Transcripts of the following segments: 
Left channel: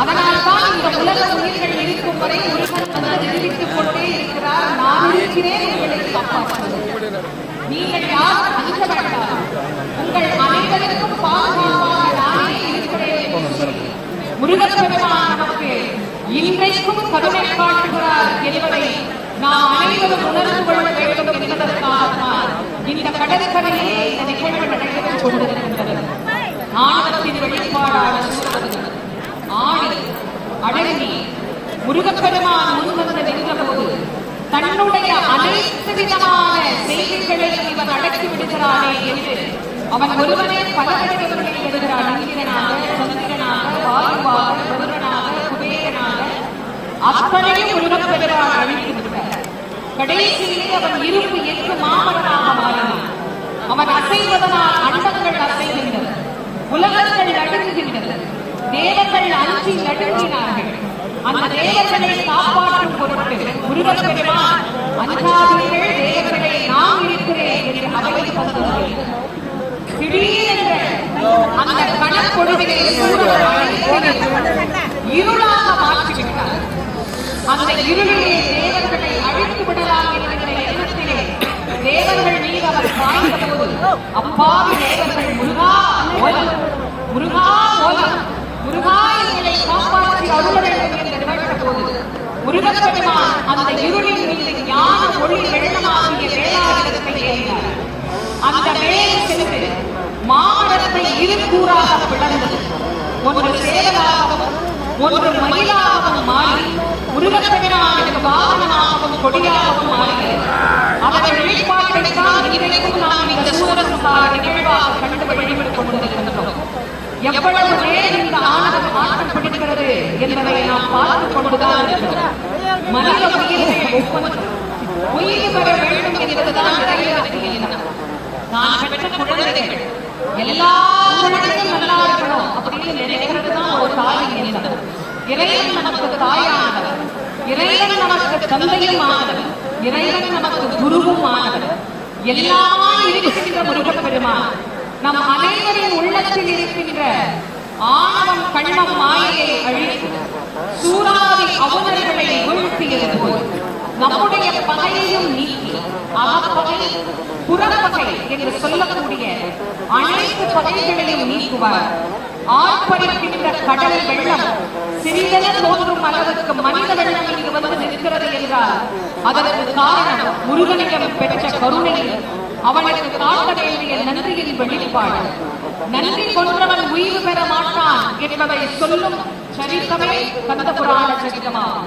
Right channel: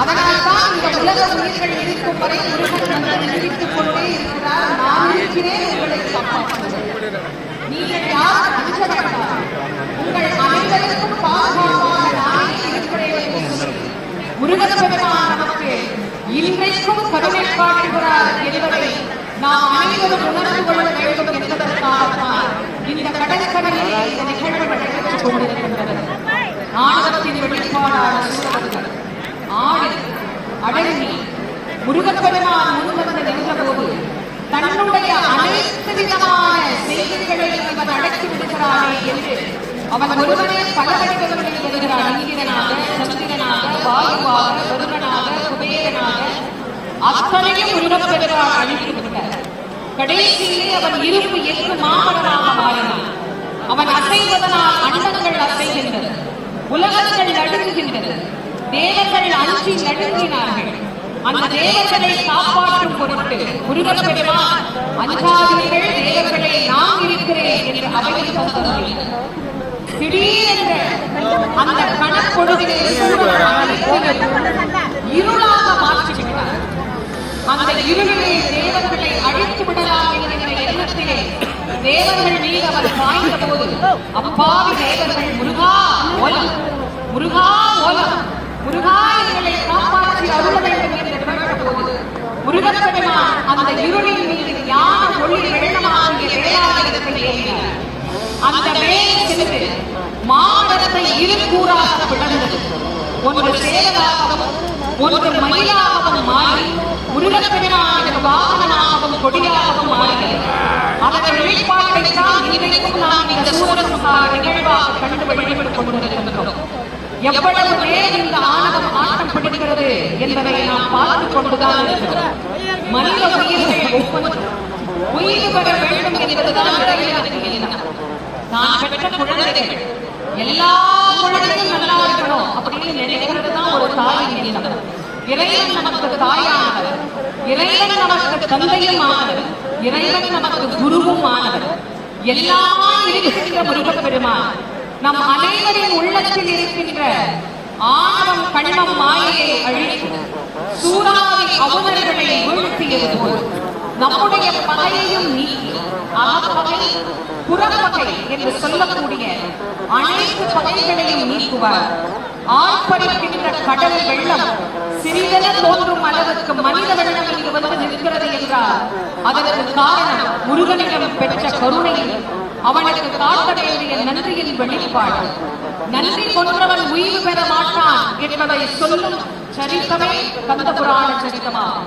அதனால்தான் இந்த உலக உயிர்கள் இருக்கும் வரை அறிவித்துக் கொண்டே இருக்கிறார். நான் இருக்கிறேன், உங்களை காப்பாற்றுகிறேன். நீங்கள் யார் அஞ்ச வேண்டாம், உங்கள் அனைவருக்கும் பாதுகாப்பாக நானே இருக்கிறேன். முருகப்பெருமான் நமக்கு இன்றைக்கும் கருணை காட்டுகிறார் என்பதை நாம் அனைவரும் உணர்ந்து கொள்ள வேண்டும் என்பதற்காகத்தான் இந்த கடற்கரையிலே இந்த நிகழ்வு நடைபெற்றுக் கொண்டிருக்கின்றது. ஆணவத்தின் வெளிப்பாடான ஆணி அடங்கி முருகப்பெருமான் முன்வந்து நின்றபோது தன்னுடைய அனைத்து விதமான செய்திகளை இவர் அடக்கி விடுகிறாரே என்று அவன் ஒருவனே பல வடிவங்களை எழுதுகிறான். நீதிகனாக, சந்திரனாக, வாயுவாக, வருவனாக, குபேரனாக அத்தனையும் முருகப்பெருமான் அழைத்து விடுகிறார். கடைசியிலே அவன் இருப்பு எட்டு மாமனாக மாறினான். அவன் அசைவதனால் அண்டங்கள் அசைகின்றது, உலகங்கள் நடுங்குகின்றது, தேவர்கள் அஞ்சி நடுங்கினார்கள். அந்த தேவர்களை காப்பாற்றும் பொருட்டு முருகப்பெருமான் அஞ்சாதீர்கள், தேவர்களை நான் இருக்கிறேன் என்று அவையில் தந்தார்கள். திடீரென்ற அந்த கணக்கொடுவினை இருளாக மாற்றிவிட்டார். அந்த இருளிலே தேவர்களை அழித்து விடலாம் என்ற எண்ணத்திலே தேவர்கள் மீது அவர் பாய்ந்த போது அப்பாவி தேவர்கள் முருகா ஓலம், முருகா ஓலம், முருகா எங்களை காப்பாற்றி அருள வேண்டும் என்று கேட்ட போது முருகப்பெருமான் அந்த இருளின் மீது ஞான ஒளி வெள்ளமாகிய வேளாளத்தை ஏறினார். அந்த வேலை சென்று மாமரத்தை இருக்கூறாக பிளந்தது. ஒன்று சேவனாகவும் ஒன்று மயிலாகவும் மாறி முருகப்பெருமானின் வாகனமாகவும் கொடியாகவும் மாறினது. அதன் வெளிப்பாட்டைத்தான் இன்றைக்கும் நாம் இந்த சூழலுக்கான நிகழ்வாக கண்டு வழிபட்டுக் கொண்டிருக்கின்றோம். எவ்வளவு பேர் இந்த ஆனந்தம் மாற்றம் படுகிறது என்பதை நாம் பார்த்துக் கொண்டுதான் இருக்கிறோம். மனித உயிர்கள் உயிர் பெற வேண்டும் என்பதுதான் நிறைவேறுகிறது. நான் பெற்ற குழந்தைகள் எல்லா குழந்தைகளும் நல்லா இருக்கணும் அப்படின்னு நினைக்கிறதுதான் ஒரு தாயின் எண்ணம். இறைவன் நமக்கு தாயானவர், இறைவன் நமக்கு தந்தையும் ஆனவர், இறைவன் நமக்கு குருவும் ஆனவர், எல்லாம் இருக்கின்ற முருகப்பெருமான் நம் அனைவரின் உள்ளத்தில் இருக்கின்ற ஆணவம், கண்மம், மாயையை அழித்து சூறாவின் அவதர்களை வீழ்த்தியது. நம்முடைய பகையையும் நீக்கி அகப்பகை, புறப்பகை என்று சொல்லக்கூடிய அனைத்து பகைகளையும் நீக்குவார். ஆர்ப்பரிக்கின்ற கடல் வெள்ளம் சிறிதென தோன்றும் அளவுக்கு மனித வெள்ளம் இங்கு வந்து நிற்கிறது என்றால் அதற்கு காரணம் முருகனிடம் பெற்ற கருணையில் அவனுக்கு காட்ட வேண்டிய நன்றியின் வெளிப்பாடு. நன்றி கொன்றவன் உயிர் பெற மாட்டான் என்பதை சொல்லும் சரித்தமே கந்த புராண சரிதமாகும்.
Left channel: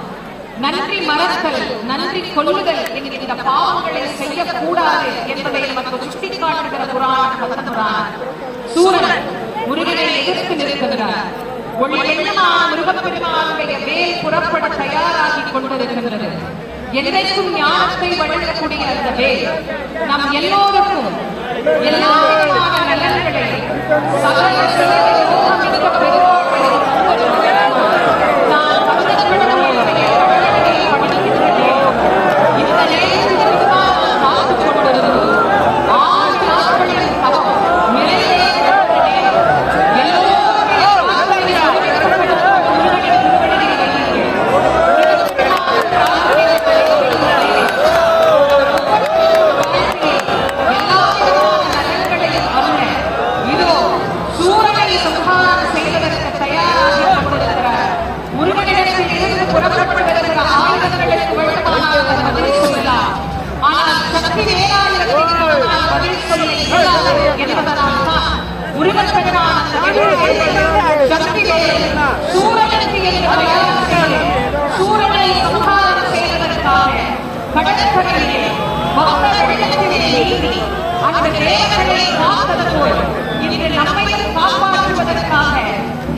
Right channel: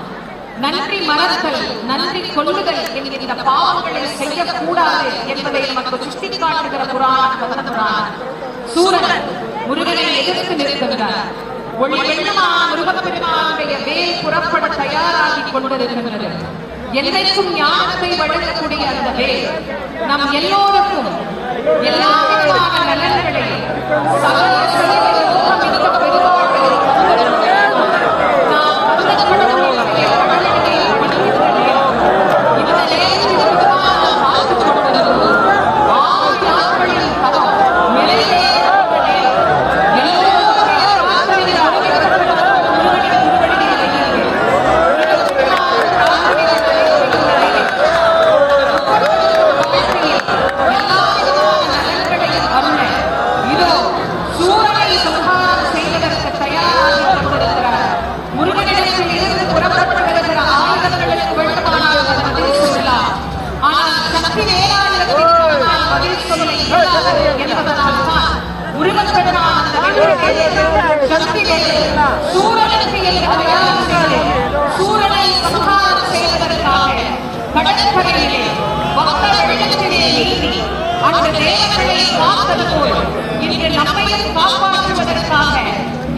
நன்றி மறத்தல், நன்றி கொள்ளுதல் என்கின்ற பாவங்களை செய்யக்கூடாது என்பதை நமக்கு சுட்டிக்காட்டுகிற புராணம் கந்த புராணம். சூரன் முருகனை எதிர்த்து நிற்கிறார். ஒளி வெள்ளமான முருகப்பெருமானுடைய வேல் புறப்பட தயாராகி கொண்டிருக்கிறது. என்றைக்கும் ஞானத்தை வழங்கக்கூடிய அந்த வேல் நம் எல்லோருக்கும் எல்லா விதமான நலன்களை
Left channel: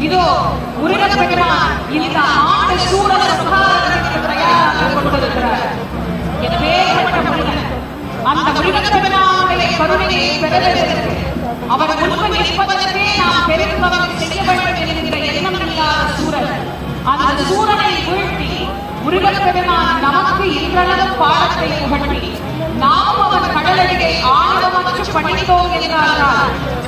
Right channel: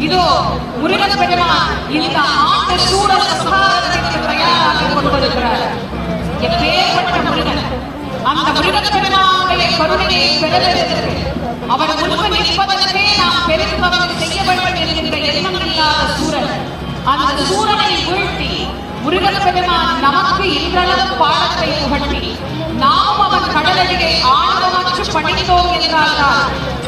இதோ முருகப்பெருமான் இந்த ஆண்டு சூழல் தயாராக கொண்டிருக்கிறார். முருகப்பெருமான் நமக்கு இன்றளவும் பாடத்தை புகட்டி நாம் அவன் கடலடியை ஆணவமற்று பணித்தோம் என்றால்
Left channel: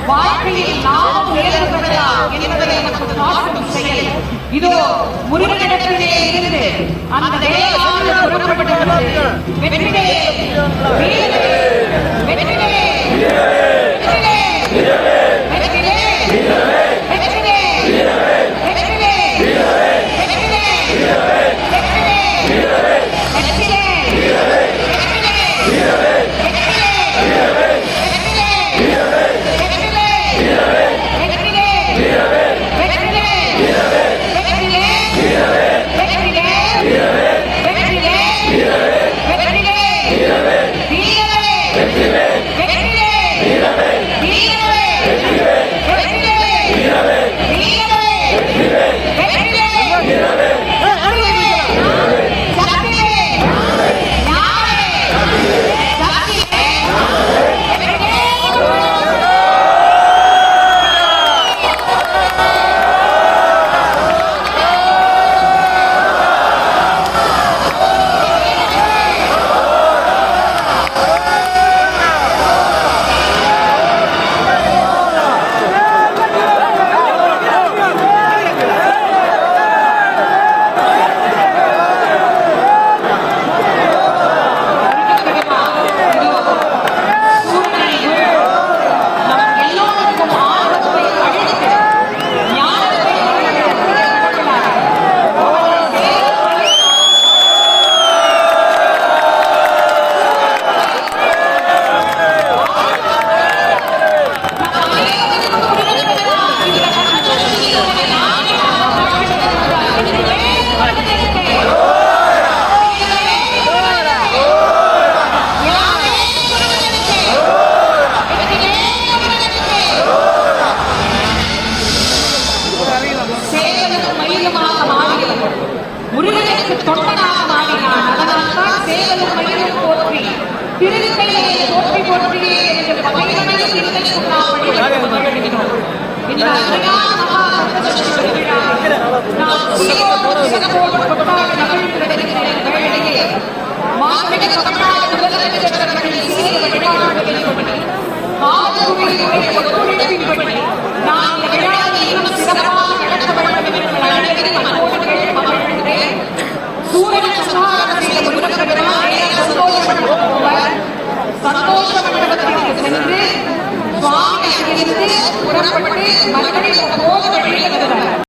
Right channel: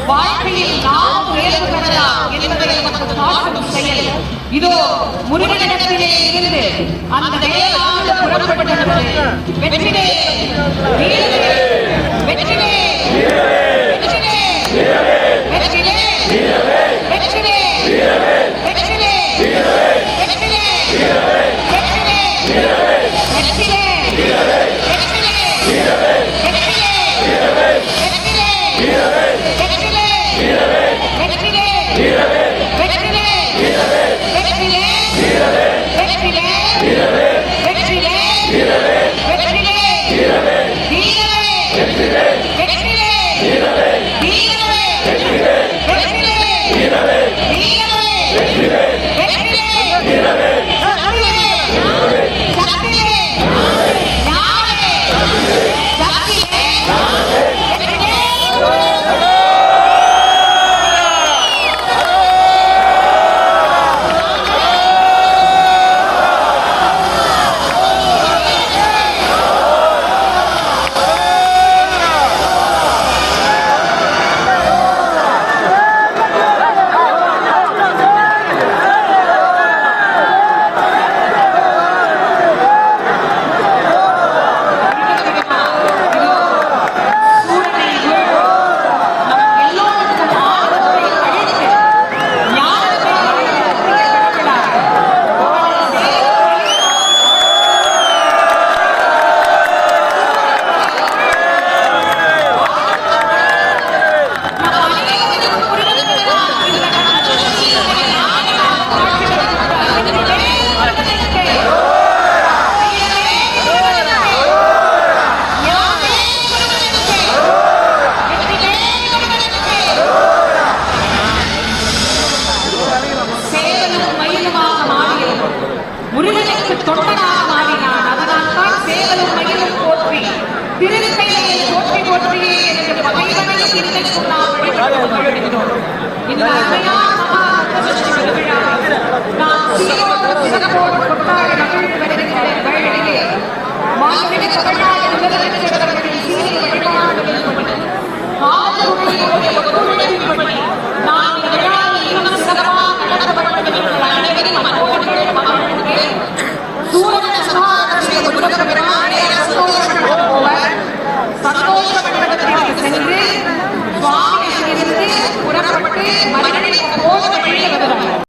வாழ்க்கையில் நாம் உயர்வு பெறலாம் என்பதை நமக்கு காட்டும் செயல். இதோ முருகனிடத்திலே இருந்து அந்த வேளாண்மை புறப்படுகிறது. வெற்றிலே வெற்றிலே சந்தோஷ